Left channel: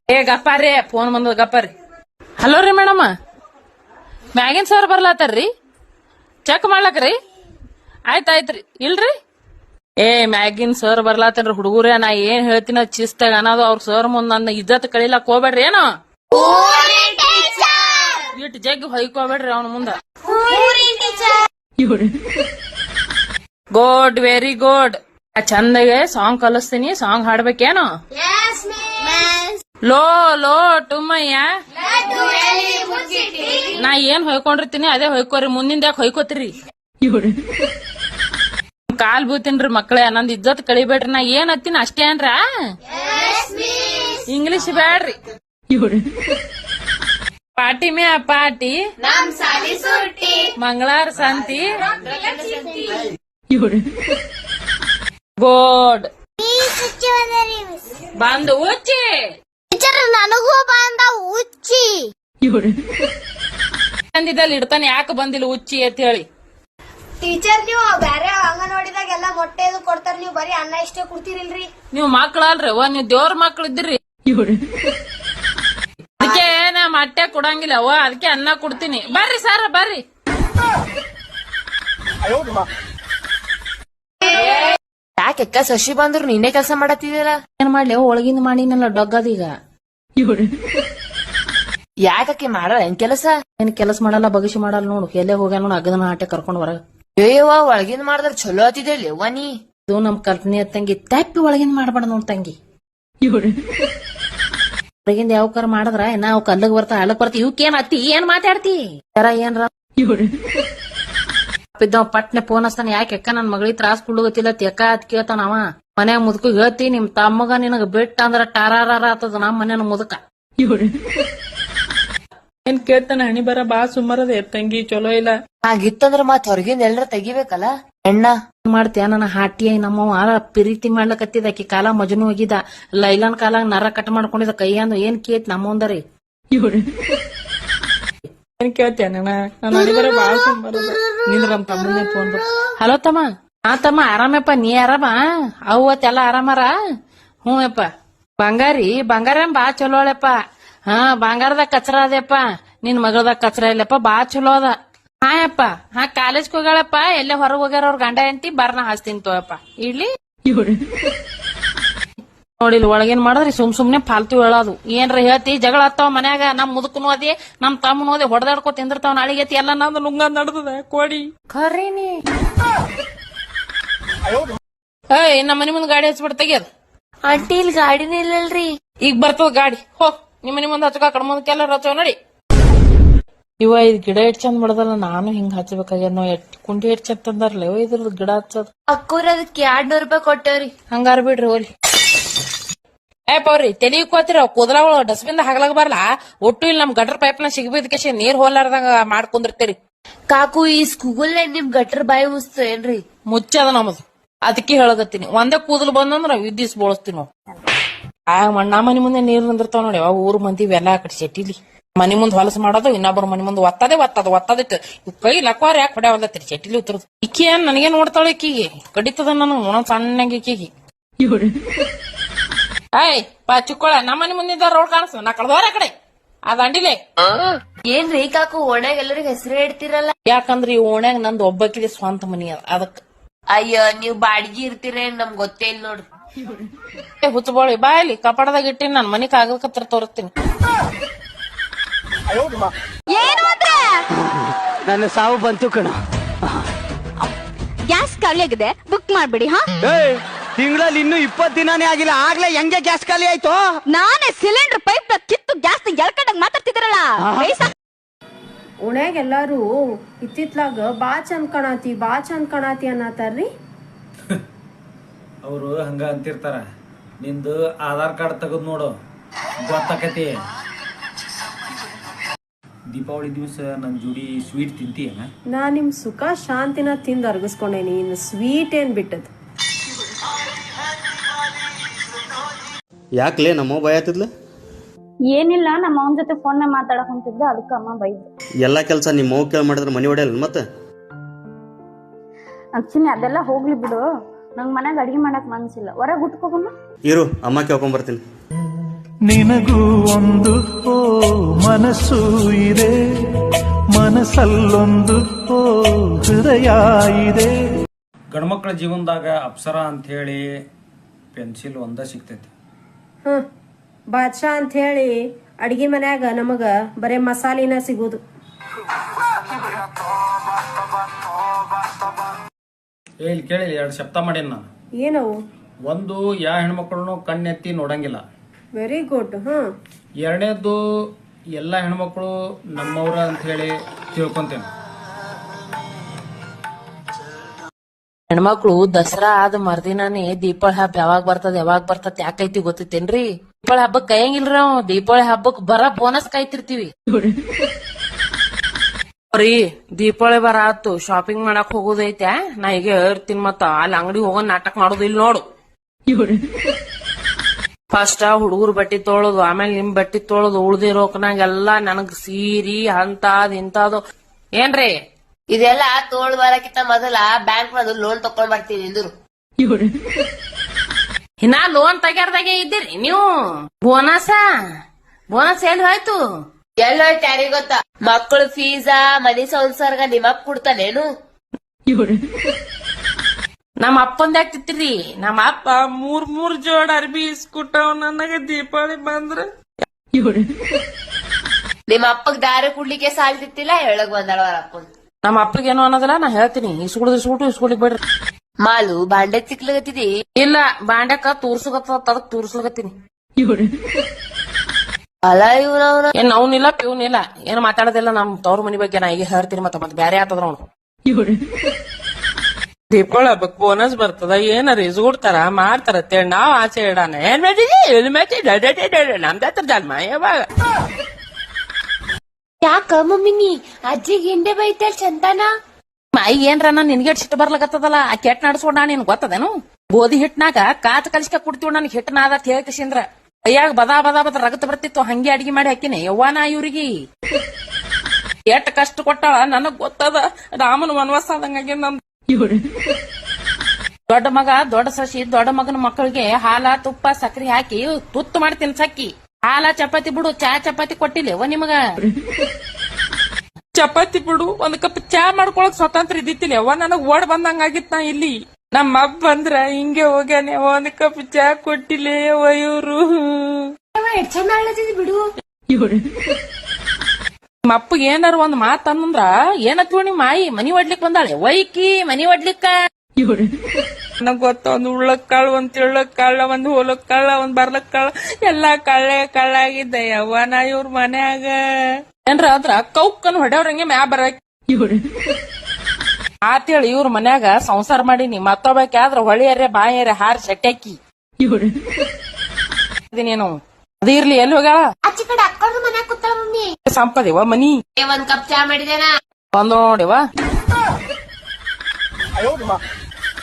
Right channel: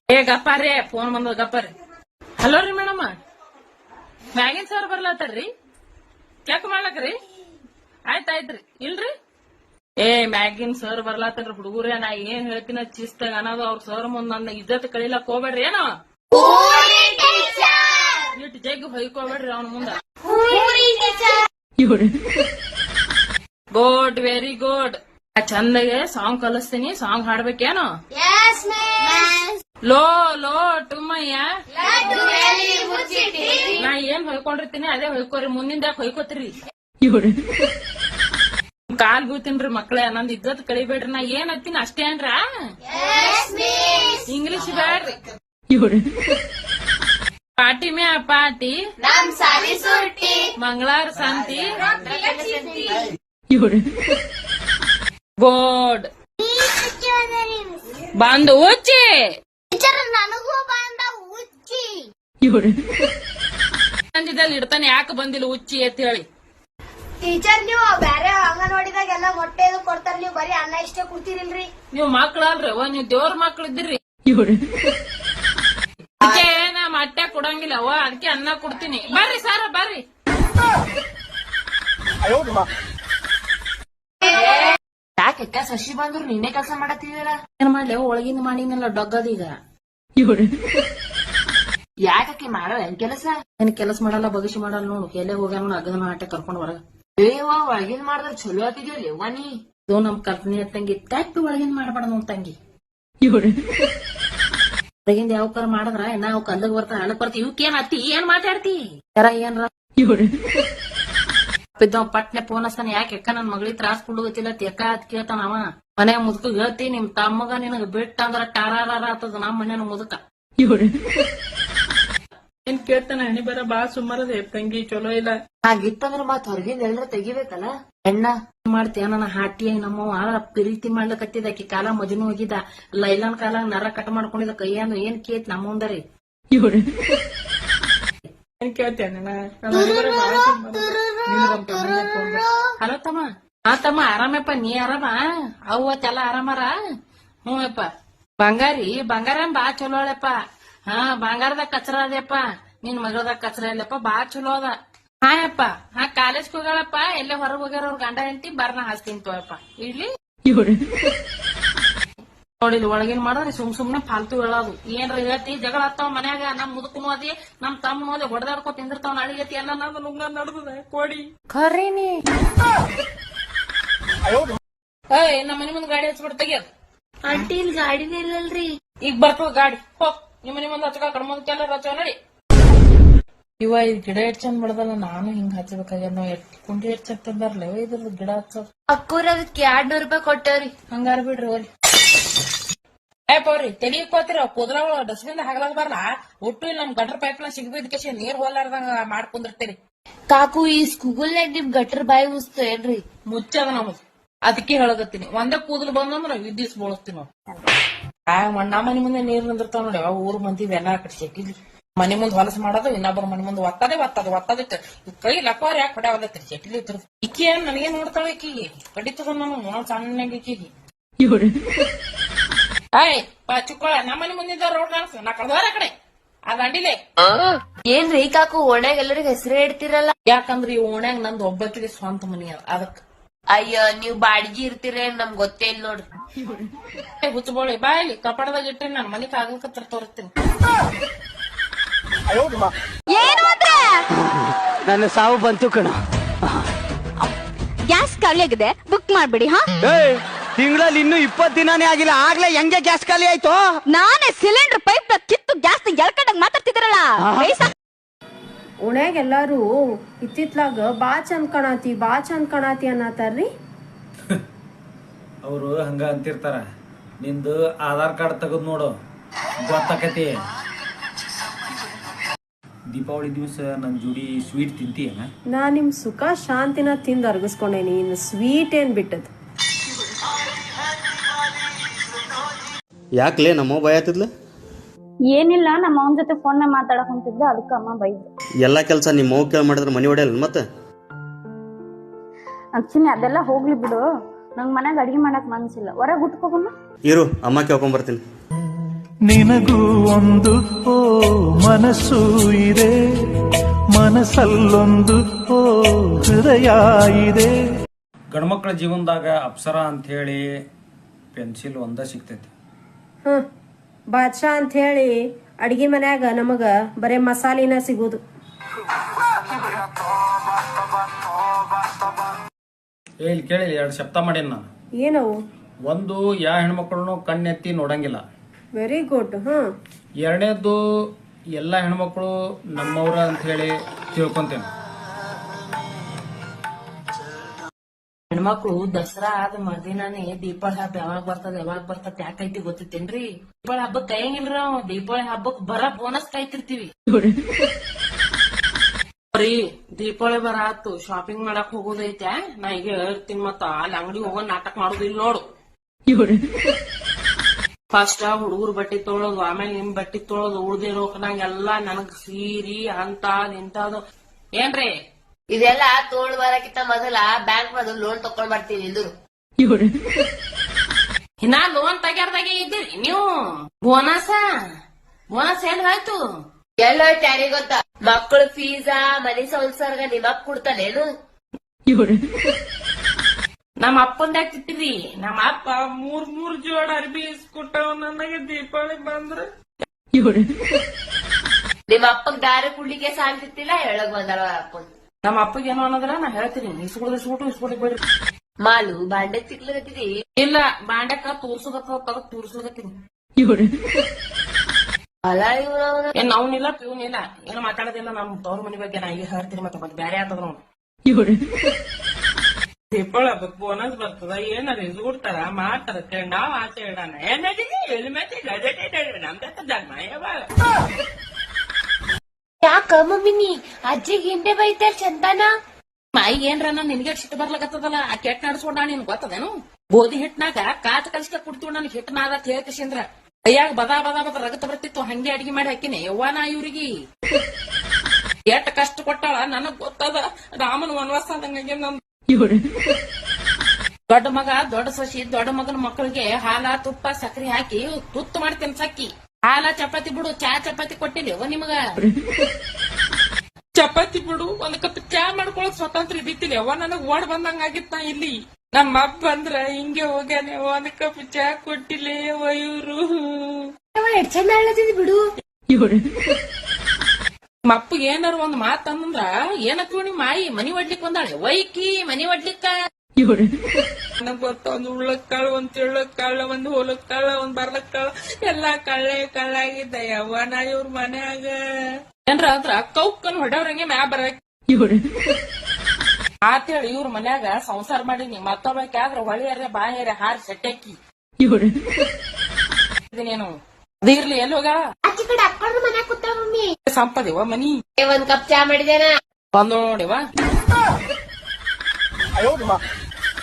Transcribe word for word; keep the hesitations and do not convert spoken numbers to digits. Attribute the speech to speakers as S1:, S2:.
S1: ಏ ಗಪ್ಪಾರಿ ಫೋನ್ ಬಂದದ ಗಪ್ಪಾರಿ. ಹಲೋ ರೀ ಮೇಡಮ್, ಮ್ಯಾಗಿನ್ ಸರ್ ಬರ್ಲಾತಾರ್ರಿ, ಚೆಕ್ ಮಾಡ್ಲಕ್ರಿ. ಆಯ್ತಾಯ್ತ್ರಿ. ಇಲ್ರಿ ಏ ಮ್ಯಾಗಿನ್ ಸರ್ ಬರ್ಲಾತಾರ್ರಿ ಹುಡುಗರೇ. ನಾ ಏನ್ ಹೇಳ್ತೀನ ಚಿಸ್ತಾಗ ಅನ್ನೋದು ಅವ್ರ ಸರ್ ಮುಂದ್ ನನ್ನ ಇಜ್ಜತ್ ಕಳಿಲಕ್ ಹೋಗ್ಬೇಡ್ರಿ. ಏನು ಇಟ್ ಜಗ್ ಹೊಯ್ಕೋಬೇಡ್ರಿ ಅವ್ನ ಮುಂದ. Good, very good. ಚಂದಗೆ ಸಾಂಗ್ ಕಲಿಸ್ತೀನಿ, ಸಾಂಗ್ ಹಾಡ್ಬೇಕೇನು? ಲೋ ಲೋ ಟುಮ್ಮಯ್ಯ, ನಾ ಏನ್ ಹೊಯ್ಕೊಂಡಿರ್ತೀನಿ ಅದೇ ಹೊಯ್ಕೋರಿ, ಮುಂದಿಂದ ಯಾಕೆ ಹೊಯ್ಕೋತೀರಿ? ಕಾಲ್ ಬೀಳ್ತೀನ್ರಿ ಮಕ್ಳೇ, ನಂದ್ ಇಜ್ಜತ್ ಕಳಿಬೇಡ್ರಿ. ನಾ ಏನ್ ಹತ್ತೀನಿ ಅಷ್ಟೇ ಅನ್ರ, ಇಂಗ್ಲಿಷ್ ಬ್ಯಾಡ್ರಿ. ಪಾಟಿ ಮೇ ಪಾಟಿ ಮಂಗಳಾರ ಸಂತಿ ಗೋಡ್ ಬಂದು ಉಚ್ಚಿ
S2: ನನಗೂ ಬಂದ ಉಚ್ಚಿ
S1: ಅಂದಿದ್ದಲ್ಲಿ ಇಡ್ತಾನೆ, ಯಾಕೆ ಬಂದಿಲ್ಲ ಉಚ್ಚಿ ಅಂತ ಹೇಳಿ.
S2: ಟೀಚರ್ ನೀವು ಬೇರೆ ಅಂಗನವಾಡಿದಾಗ ಎಲ್ಲ ಮೊಟ್ಟೆ ಕೊಡ್ತಾರ, ನೀವು ಬರೀ ಅನ್ನ ಇಷ್ಟೇ ಕೊಡ್ತೀರಿಲ್ರಿ?
S1: ನೀವು ಮಕ್ಳಲ್ರಿ ಅವ್ವ, ನೀವ್ ದೇವ್ರ ಮಕ್ಳು ಇದ್ದಿರಿ. ಅದಕ್ಕೆ ನಾ ಮೊಟ್ಟೆ ಕೊಡಂಗಿಲ್ಲ ಅವ್ವ, ಅದಕ್ಕೆ ಅನ್ನ ಕೊಡ್ತೀನಿ. ಬರ್ರಿ ಸರ್ ಬರ್ರಿ.
S3: ಯಾಕೆಕ್ಕ ಶಶಿ ಬಂದ್ರು ನೀನೇ ಕೆಲಸ ಮಾಡತ್ತಿದೀರ?
S1: ಏನ್ ಮಾಡ್ಲಿ ಒಳಗಿಂದ ಮಾಡಿನಲ್ಲ ಡೊಗ್ಗದೀಗ.
S3: ಯಾಕಕ್ಕೆ ಮಾಡ ಏನ್ ಕೆಲಸ?
S1: ಏನ್ ಕೆಲಸ ಮಾಡಲ್ಲ, ಬಗಸಿ ಮಾಡಲ್ಲ ನೋಡು. ಎಲ್ಲೇ ಹೋಗ್ಯಾನ ಅಗದನ ಹಾಟೆ ಕರ್ಕೊಂಡ್ ಹೊರಗ.
S3: ಅಯ್ಯವ್ವ, ಒಳಗಿಂದ ಮಾಡಿದ್ರ ಚಲೋ ಆತಿದ್ದಲ್ಲಿ ಅವ್ವ ನೀ.
S1: ಇದು ನಮ್ ಕಲ್ಪನೆ ತಂಗಿ, ತಪ್ಪಿ ಒಳಗಿಂದ ಮಾಡ್ಬೇಡ ನೋಡ್ ತಂಗಿ. ಹೊರಗಿಂದ ಯಾವ ಕರ್ ಮಾಡಿದ್ರ ನಾವು ಕಲ್ಲಗ್ ಬರ್ತಾ ಅಲ್ಲಕ್ ಬರ್ತಿ. ಇವಕ್ಕೇನ್ ಅತ್ತಿ ಏನ್ ಮಾತಾಡ್ತಿ ಯಾರ ಏನ್ರ ಇದ್ದವ ಪಟ್ನೆ ಫೋನ್ ಹಚ್ತಾನ. ಯಾಕೆ ಅಕ್ಕ ನನ್ ಮಗಳಿಗೆ ತ್ರಾಸ್ ಕೊಡ್ಲಗತ್ತಿಲ್ಲ ತೆಕ್ಕ ಅತ್ ಕೇಳ್ತಾನ ಅವ. ಮನ್ಯಾಗ ಮುದುಕ ಹೇಳ್ತಿ, ನಿಮ್ ತಮ್ಮಗ ನಿನಗ ಬಿಟ್ಟ ಅಂದ್ರ ಟಾರಾರ ಆತದ ನಮ್ ಮನ್ಯಾನ ಮುದುಕ. ಏನ್ ಕೇಳ್ತಾನ ಹಣಿ ಬರ ಬಾ ಸುಮಾರದ ತಂಗಿ, ಚಲೋ ಇಲ್ಲ.
S3: ಹಾಗಿತ್ತಂದ್ರ ಮತ್ ಹೊರಗಿಂದ ಎಲ್ರ ತೆಗಿಬೇಕಲ್ಲ ಎಣ್ಣ.
S1: ಮಾಡ್ತೀಯ ನನ್ನ ಹಾಟಿಯ ನಮ್ಮ ಪ್ರೀತಿ ಮಾಡ್ಲಕತ್ತಿದ. ಆಕಿ ಕಾಲ ಮಜನು ಹೋಗಿದ, ಲೈಲಾನ್ ಕಾಲ ನರ ಕಟ್ ಮಾಡ್ಕೊಂಡಿದ ಕೈಯಂದು. ಏನ್ ಕೇತ್ ನಮ್ಮ ಒಂದರಿ ಏನ್ ಕೇಳ್ತೀಯ ನನ್ನ ತಮ್ಮ ಫೋನ್. ಹಲೋ ತಮ್ಮ. ಆ ತಮ್ಮ ಆರಾಮಪ್ಪ, ನೀ ಆರಾಮ? ಅವತ್ತೆಲ್ಲ ಆರಾಮಾರ? ಹ್ಞೂ ಯಪ್ಪ. ಬಂಗಾರಿ ಬಂಗಾರ ಬಾ ಚಲೋ ಅಳಪ್ಪ. ಹಾ ಬಂಗಾರದಾಗ ಕಚರ ಅದಪ್ಪ, ನಿನ್ ಮಗಳದಾಗ ಕಚರ ಇಲ್ಲಪ್ಪ, ಬಾ ಚಲೋ ಅದ. ಹಾ ಯಪ್ಪ. ಹಾ ಕಾಲೇಜ್ಗೆ ಹೋಗ್ಯಾಳಪ್ಪ, ಎಲ್ಲೇ ಹೊರಗ್ ಹೋಗ್ಯಾರ ಅವ್ರ ಗಂಡ ಎಂಟಿ. ಬರ್ನ ಹಾಸ್ತೀನಿ ತೋಯಪ್ಪ, ಇಡ್ಲಿ. ನೋಡಿಲ್ ಒಳಗೇನ್ ಮಾಡದ್ರಿ ಸುಮ್ ಸುಮ್ನೆ ಫಾಲ್ತು ಹೇಳೋದು. ಏನ್ರ ಹೇಳ್ತಿ ಜಗಳ ಹತ್ತಾವ ಮನ್ಯಾಗ. ನಮ್ ಮುದುಕನು ಅದೇ ನಮ್ ತಮ್ಮನು ಅದೇ ಹೊಡೆದಾಡ್ಕೊ ತಿಂದಿರ್ತಾವ. ನಾಳಿಗೆತಿ ಎಲ್ಲ ನಂದು ನುಂಗ ನಡ್ದದ ಕೋಡಿ
S3: ಖರೀನಿ.
S1: ಏಯ್ ನಮ್ಮ ಮನಿ ಮುಂದ್ ಗಾಡಿ ಹಚ್ಬಿಡ್ ತೆಗಿಯದ್.
S3: ಆಂಟಿ ಇಲ್ಲಿ ಗಾಡಿನೇ ಇಲ್ಲಲ್ರಿ.
S1: ಈಗ ಬರ್ತದ ಗಾಡಿ, ಹೋಗ್ ನಿಮ್ ಮನಿ ಮುಂದ್ ಹಚ್ಚಕ ಕಡ್ ಮುಂದ್ ಕೆಲ ಹಚ್ಚವ ನಡಿ. ಇವ ಇದ್ ಗಿಡ ಎಷ್ಟ್ ಚಂದ ಬಡದಲ್ಲ, ನಾನು ಹಿಂಗ್ ಹಚ್ಚಬೇಕಾಗ್ಯ. ನೋ ಎಟ್ ಕುಂಡಿ ಎಷ್ಟ್ ಚಂದ ತಂದಾರ್ಲ ಇವ ಇದ್ರದ್ ಗಿಡ ಹಚ್ಚದ್.
S3: ಅಕ್ಕೋರ ಅದಕ್ಕೆ ಎರಡ್ ನೂರ್ ರೂಪಾಯಿ ಕೊಟ್ಟವ್ರಿ.
S1: ಹಂಗಾರ ಬಿಡ್ರಿ ಹೋರಿ. ಏಪವ್ರಿ ತೆಲಿ ಕೋತಿರ ಕೂದಲಗಳು ಡಸ್ಟ್ಬಿನ್ ಹಾಕ್ಲಾಗ ಬರ್ಲಾ. ಒಟ್ಟು ಇಲ್ಲಿ ನಮ್ ಗಟರ್ ಪೈಪ್ ನ ಸಿಗ್ಬೇದಕ್ಕೆ ನೀರ್ ಹೋಲಾರ್ದಂಗ ಮಾಡ್ಕೊಂಡಿರ್ತೀರಿ.
S3: ಕಾಕು ಈ ಸ್ಕೂಲ್ ನಿಮ್ ಗಟ್ರ ಬಾಯಿ ಮುಸ್ತೇನ್ರಿ?
S1: ಮುಚ್ಚದ ನಮ್ಮದು, ಅದಕ್ಕೆ ಹೇಳಗತ್ತೀನಿ. ಒಂದೇ ಕೂದಲು ಬಂದಂದ್ರ ವಿದ್ಯುಸ್ ಬೋಳಿಸ್ತೀವಿ ನಾವು. ಆ ನಮ್ಮ ಮನಿ ಮುಂದೆ ನೀರ್ ಬಂದಿರ್ತಾವ ನೋಡಿ, ಯಾವ ಊರ್ ಮಂದಿ ಎಲ್ಲ ಆ ಕಡೆ ಸೆಟ್ಟಿಲಿ ಮನಿ ಮುಂದ್ ಹೊಲಸು ಮಾಡೋದು, ಇನ್ನೊಬ್ಬರ ಮನಿ ಮುಂದೆ ಒತ್ತದೇ ಒತ್ತದ ಒತ್ತದಿಟ್ಟು ಕೈ ಲಕ್ವಾರ ಯಾಕೆ ಹೊಡ್ಯಾವಲ್ಲತ್ರಿ ಸೆಟ್ಟಿಲಿ ಉತ್ತರದು. ಇಕ್ಕಿ ಏನ್ ನನಗೇನ್ ನೋಡ್ತಾಳೆ, ಇಕ್ಕಿಗೆ ಕಡಿತದ ನನಗೆ ನೋಡ ಸಣ್ಣಂಗೆ ಇಕ್ಕಿಗೆ. ಆಯ್ ಪಾ ಚಿಕ್ಕೋಳ, ನಮ್ಮ ಮನಿ ಮುಂದಿದ್ದ ರೋಡ್ ಕಾಣಿಸ್ತು, ನಾ ಕಡ್ದೋರ ಆ ಕಡೆ ಆ ದಂಡಿಲೆ.
S3: ಏನ್ರಿ ಕಾಕು ಓಣ್ಯಾಗ ಎಲ್ಲರಿಗೂ ಹೆಸರೇ ಇಡ್ತಿರಲ್ಲ?
S1: ಯಾಕಂದ್ರ ಈ ಓಣ್ಯಾಗ ನಂದು ಒಬ್ಬಕ್ಕಿದೆ ಸ್ವಂತ ಮನಿ ಅದ, ಅದಕ್.
S3: ಅಯ್ಯ ನೀವ್ ಬಾಡಿಗೆ ಇರ್ತೀರ ನಮ್ಗ್ ಗೊತ್ತೇ ಇಲ್ಲ ನೋಡ್ರಿ.
S1: ಹುಚ್ಚಬೋಳಿ ಬಾಯಲ್ಲಿ ಕಪಾಟದಾಗ ಇಟ್ಟಿನಿ, ನನ್ ಮನಿ ಕಾಗದಕತ್ರ ತೋರಿಸ್ತೀನಿ.
S4: ನನ್ನ ಸಾವು ಬಂತು ಕಣ.
S2: ಗ್ಯಾಸ್ ಖಾಲಿ ಆಗಿದೆ, ಬುಕ್ ಮಾಡ್ಬಿಡಿ. ಹಾ
S4: ತಿಂಗಳಲ್ಲಿ ಇನ್ನು ಇಪ್ಪತ್ ದಿನಾನೇ ಆಗಿಲ್ಲ, ಆಗ್ಲೇ ಹೆಂಗೆ ಗ್ಯಾಸ್ ಖಾಲಿ ಆಯ್ತು?
S2: ನಾನೇ ಸಿಲಿಂಡರ್ ಪೈಪ್ ಕಿತ್ತು ಗ್ಯಾಸ್ ಎಳ್ಕೊಂಡಾಗ ಮಾತಾಡ್ತಿದ್ರಲ್ಲ.
S5: ಉಣ್ಯಾಗ ಎಲ್ಲಾರು ಇತ್ತಿತ್ಲಾಗ ಬಾ ಚಂದ್ ಕಾಣತಿ ಬಾ ಚಂದ್ ಕಾಣತಿ ಅನ್ನತಾರ್ರಿ.
S6: ಅವರು ಹಂಗ ಅಂತಿರ್ತಾರ. ನಿಂದು ಆಧಾರ್ ಕಾರ್ಡ್ ತೆಗದ್ ನೋಡು, ಗೊತ್ತಾಕತಿ. ದೀಪಾವಳಿ ದಿವಸ ನನ್ ಜೋಡಿ ಸ್ವೀಟ್ ತಿಂತೀಯನ?
S5: ನಾ ನಿಮ್ ಸುಖ ಶಾಂತಿನ ತಿಂದ್ ಅರ್ಗಿಸ್ಕೊಂಡೇನಿ, ಇನ್ನು ಸ್ವೀಟ್ ಏನ್ ಬಿಟ್ಟದ್.
S7: ಯಾಕ್ಲೇ ನಮ್ಮ ಭಯ ಆತಿದ್ಲ?
S8: ಏನಿಲ್ಲ, ನಮ್ಮ ಅವನ ಜೊತೆ ಫೋನ್ ಮಾತಾಡಕ್ ಹೊಂತಿದ್ದೆ, ಅದಕ್ಕೆ ಅಮ್ಮ ಬೈದ್.
S7: ಎಲ್ಲಾ ಕೆಲಸ ನಿಮ್ಮ ಮೌ ಕೇಳಿ ಮಾಡಿದ್ರೆ ಮನಿ ಹೊಡೆಯಲ್ಲ ಮತ್ತೆ?
S8: ಅಕ್ಚುಲಿ ಅದೆಲ್ಲ ಹೋಗ್ಲಿ ಬಿಡು, ನಂಗ್ ಮನ್ಯಾಗ ಅಡಿಗೆ ಮಾಡಕ್ ಮನ್ಸಿಲ್ಲ, ಹೊರಗ್ ಉಟ್ಕೋಗಮ್ಮ.
S7: ಇರು ಅಮ್ಮ ಕೇಳ್ಕೊಂಡ್ ಬರ್ತೀನಿ.
S9: ನಿನಗೂ ಒಂದು ಓ ಮನಸ್ಸು ಇದೆ, ಮನಸ್ಸಲ್ಲೊಂದು ಓ ಹೃದಯ ಇದೆ.
S6: ಗಂಡ್ಮಕ್ಳ ಜೀವನದಾಗ ಅಪ್ಸರ ಅಂತ ಹೇಳಿ ಪೆನ್ಸಿಲ್ ಒಂದ ಸಿಗ್ತೈತಿ.
S5: ಹ್ಮ್ ಬಾದ್ಶಾ ಅಂತ ಹೇಳಿ ಅಡಿಗೆ ಮನ್ಯಾಗ ನಮಗ ಬರೇ ಮಸಾಲಿನ ಸಿಗೋದು.
S6: ಏ ಇಲ್ಲಿ ಕೇಳಿ ಎರಡು ಶಬ್ದ ಮಾಡೀನಿ ನಾನು.
S5: ಏನವು?
S6: ಒಂದು, ಯಾ ಹೆಣ್ಮಕ್ಳನ್ನು ಕಣ್ಣೆತ್ತಿ ನೋಡಂಗಿಲ್ಲ.
S5: Very good. ಹ್ಮ್
S6: ಎರಡನೇದ್ದು, ಎಲ್ಲ ಹೆಣ್ಮಕ್ಳು ನಮ್ಮವ್ರ ಅಂತ ಹೇಳಿ ತಿಳ್ಕೊಂತೇನೆ.
S1: ಹೆಣ್ಮಕ್ಳು ದಸರಾ ಆದ ಮರ್ದಿನಾನೇ ದೀಪಾವಳಿ ಹಬ್ಬ ಯಾವಾಗ ಬರ್ತದ ಯಾವಾಗ ಬರ್ತದ ಯಾಕೈತಿ ಗೊತ್ತೈತೇನ್ರಿ? ದೀಪಾವಳಿ ಹಬ್ಬಕ್ ಕಾಯಂಗಿಲ್ರಿ ನಾವು. ದೀಪಾವಳಿ ಹಬ್ಬಕ್ ಬರ ಬೋನಸ್ ಕಾಯ್ತಿರ್ತೀವಿ. ರೀ ದೀಪಾವಳಿ ಬರ ಆತು, ಶಾಪಿಂಗ್ ಮಾಡಕ್ ಹೋಗೋದೈತೆ. ನಾ ಈಗ ಹೇಳ್ತೀನಿ, ಮತ್ತ ಅಲ್ಲಿ ಅಂಗಡಿ ಹೋಗೋ ನಾಟಕ ಮಾಡೋದಿಲ್ಲ ನೋಡು. ಫಸ್ಟ್ ಹುಡುಗರು ಬಟ್ಟಿ ತೊಳೋದು, ಆಮೇಲೆ ನಿಮ್ ಬಟ್ಟಿ ತೊಳೋದು, ಉಳ್ದಿರೋಕನಾಗ ಎಲ್ಲಾ ನನಗ್ ಸೀರಿ ಅಂತದ್ ಇಂತದು. ಏನ್ರಿ
S3: ಇದೆಲ್ಲ ತೋಳ್ ಬರಕ್ಕಿಂತ ಮೊದಲ ಬ್ಯಾಂಕ್ ಮೊದಲು ಲೋನ್ ತಕೊಂಡ್ ಬರ್ತೀನಿ ಇಂದ್ರು.
S1: ಇನ್ನ ಲೋನ್ ತೆಗ್ಯಾರ್ದಾಗೆ ಇದ್ದೀರಿ ನೀವು. ಬೋನಸ್ ಬೋನಸ್ ಎಲ್ಲಿ ಹೋಯ್ತು?
S3: ಎಲ್ಲೋಯ್ತು ಯಾರಿಗ ಗೊತ್ತ? ಮಕ್ಕಳು ಫೀಸಾ ಮನಿ ಸಂಸಾರ್ಗ ನಿಮ್ಮಪ್ಪ ಕೊಡ್ತಾನೇನು?
S1: ನಮ್ಮ ಅಪ್ಪಂದ ಯಾಕಿತ್ರಿ? ನಮ್ಮ ಅಪ್ಪ ಮೂರ್ ಮೂರ್ ಜೋಡ್ ಅರ್ಬಿ ಇಸ್ಕೊಟ್ಟವ್ ನನಗ ದೀಪಾವಳಿ ಬಂದ್ರ.
S3: ನಿಮ್ಮ ಅಪ್ಪಗ್ ದಾರಿ ಕುಡ್ಲಿಕ್ಕೆ ಸಾಲ್ತಿತ್ತಿಲ್ಲ, ಹೇಳಕ್ ಬಂದಾಳ ಅವ್ರ ಅಪ್ಪ.
S1: ನಮ್ಮ ಅಪ್ಪಗೇನು ಅನ್ನೋದಿಲ್ಲ, ನಾ ಹೇಳ್ತೀನಿ. ಇಸ್ಕೊಳದ್ ಇಸ್ಕೊಟ್ಟು ಇಸ್ಕೊಳಿಕ್ ಬಿಡ್ರಿ.
S3: ಮಾಲು ಬಾಂಡೆ ತಿಕ್ಲಗತ್ತಿದಿ?
S1: ಇಲ್ಲ, ಬಾಂಡ್ಯಾಕ ತೂರ್ಸಗತ್ತ ಅದಕ್ ತೂರ್ಸ್ಲಗತ್ತೀನಿ.
S3: ಅಲ್ಲ ಇವ್ರವ್ರ
S1: ಏನ್ ಅವ್ನಿಲ್ಲ ಪ್ಯೂನಿಲ್ಲ, ಏನು ಮಾತಾಡೋದಿಲ್ಲ. ನಮ್ ತವ್ರ ಮನಿ ಬಗ್ಗೆ ನಾ ಈಗ ಹೇಳ್ತೀನಿ. ಮತ್ತ ಮತ್ತೆ ಬ್ಯಾರೆ ಆತದ್ರ ಅವ್ನು. ದೀಪಾವಳಿ ಹಬ್ಬಕ್ ಬೋನಸ್ ಬರ್ತದ, ಏನಾರ ಇಸ್ಕೊಡ್ತಾರ ಮಾಡ್ತಾರ ಅಂತೇಳಿ ನಾವ್ ಆಚೆ ಇಡಾನ. ಏನ್ ಮಾಡಿದಿ ಎಲ್ಲಿ ಮಾಡಿ ನಮ್ದತ್ರ ಜನ್ಮ ಯಾವಾಗ?
S2: ಯಾಕ ಮಮ್ಮಿನಿ ಅಜ್ಜಿಗೆ ಹಿಂಡೆ ಬೈತಲ್ ಚಂದನ?
S1: ಮೈ ಏನ್ರ ನಾ ನಿನ್ಗೆ ಸಿಟ್ಟು ಬರ್ಲಕತ್ತದಲ್ಲ, ಆ ಕೆಟ್ಟ ನಡ್ಸ್ಕೊಂಡ ನಿನ್ ಗೊತ್ತದೇನು? ಗೋಧಿ ಹಿಟ್ನಾಗ ಕಾಟ್ ಕಲಿಸ್ಕ ಕುಡ್ತೀವ್ ನನ್ ಹಿಟ್ ನಾದ ಹೇಳ್ಕಿಸಿಂದ್ರ ಅಯ್ಯಾಗ ಬದಾ ಬದಾ ಬದ ರಗತ್ ಬರ್ತಿತ್ತು. ಹಂಗೆ ಅಡಿಗೆ ಮಾಡಿ ಹಾಕಿನಿ ಯವ್ವಾನ ಇವ್ರಿಗೆ. ಎಷ್ಟ್ ಕಷ್ಟ ಕೊಟ್ಟಾಳ ನನಗ್ ಗೊತ್ತದ. ರಾಮನ ವನವಾಸ ಆದಂಗಾಗಿ ನಮ್ ದೊಡ್ಡ ಮಗ ದೊಡ್ಡ ಸಸಿ ದೊಡ್ಡ ಮಗನ ಮಕ್ಕಳಿಗೆ ಹಾಲ ತುಪ್ಪ ಸಕ್ರಿ ಹಾಕಿ ತುತ್ತು ಮಾಡಿ ತಿನ್ಸಕ್ಕಿ. ಹಾಲ ಚಪಾತಿ ಬಿಡು, ಚಾ ಚಪಾತಿ ಕೊಟ್ಟಿಲ್ಲ ನಿಮಗ? ಚಪಾತಿ ಬಿಡು, ಒಂದ್ ಕಪ್ ಚಾ ಮಾಡ್ಕೊಳಕ್ ಸ್ವತಂತ್ರ ಇದ್ದಿತ್ತಿಲ್ಲ ಅವ್ವ. ನನಗ್ ಓಡ್ ಬಂದಂಗಾಗಿತ್ ನಾ ಇಲ್ಲಿ. ನಮ್ಮ ಅಪ್ಪ ಬಂದ್ರ ಹಿಂಗೆ ಹೋಗ್ಯಾನೆ, ಒಂದ್ ಕಪ್ ಚಾ ಕೊಟ್ಟಿಲ್ಲ ಇವ್ರು.
S2: ಚಂದ ಆಗ್ಲತ್ತಿದ್ ಬಿಡು.
S1: ನಮ್ಮ ಅಪ್ಪ ಏನಾರ ಒಂದ್ ಮಾತ್ ಅಂದ್ರ ಏನತ್ ನೀವು ಮಾಯಿ ಮನಿ ಒಡ್ಲಿಕ್ ಬಂದಾಳೆ ಒಯ್ಕಿ ಮನಿ ಒಡ್ಲಿಕ್ಕ. ನನಗ್ ಗೊತ್ತ, ಒಂದ್ ಉಳ್ಳಕ್ ಕಾಳು, ಒಂದ್ ತಿಳ್ಳಕ್ ಕಾಳ, ಒಂದ್ ಹೋಲಕ್ ಕಾಳ, ಒಂದ್ ಬರ್ಲಕ್ ಕಾಳ, ಎಲ್ಲಾ ಕಳ್ಳೆ ಕಳ್ಳಾಗಿದ್ದ ಯವ್ವನ ಇವ್ರ ಮನ್ಯಾಗ. ಏನ್ರ ಅಂದ್ರ ಕೌಕ್ಕನ್ ಹೊಡೆಯವ್ರಂಗೆ ಮ್ಯಾ ಬರಕ್ ಆತೇಳಿ ಇವ್ರ ಮನ್ಯಾಗ ಸಂಸಾರ ಮಾಡೀನಿ. ಮತ್ತೊಬ್ಬಾಕಿ ಆದ್ರ ಹೊಳಿಯರೆ ಬಾಯರೆ ಹಾರ್ ಸೆಟ್ಟಾಕಿ ನೀನು. ಅದಿರ್ಲಿ ಎಲ್ಲಿ ಹೋಗ್ಯಾಳ?
S2: ಆಚೆ ಕಡೆ ಅಕ್ಕವ್ರ ಮನ್ಯಾಗ ಕೂತಾಳ ಮಮ್ಮಿ.
S1: ಸಂಪದಿವ ಮನಿ
S3: ಒಂದ್ ಕಪ್ ಚಾ ಮಾಡಿದೇನ
S1: ಬಂದು ನೋಡಿವ.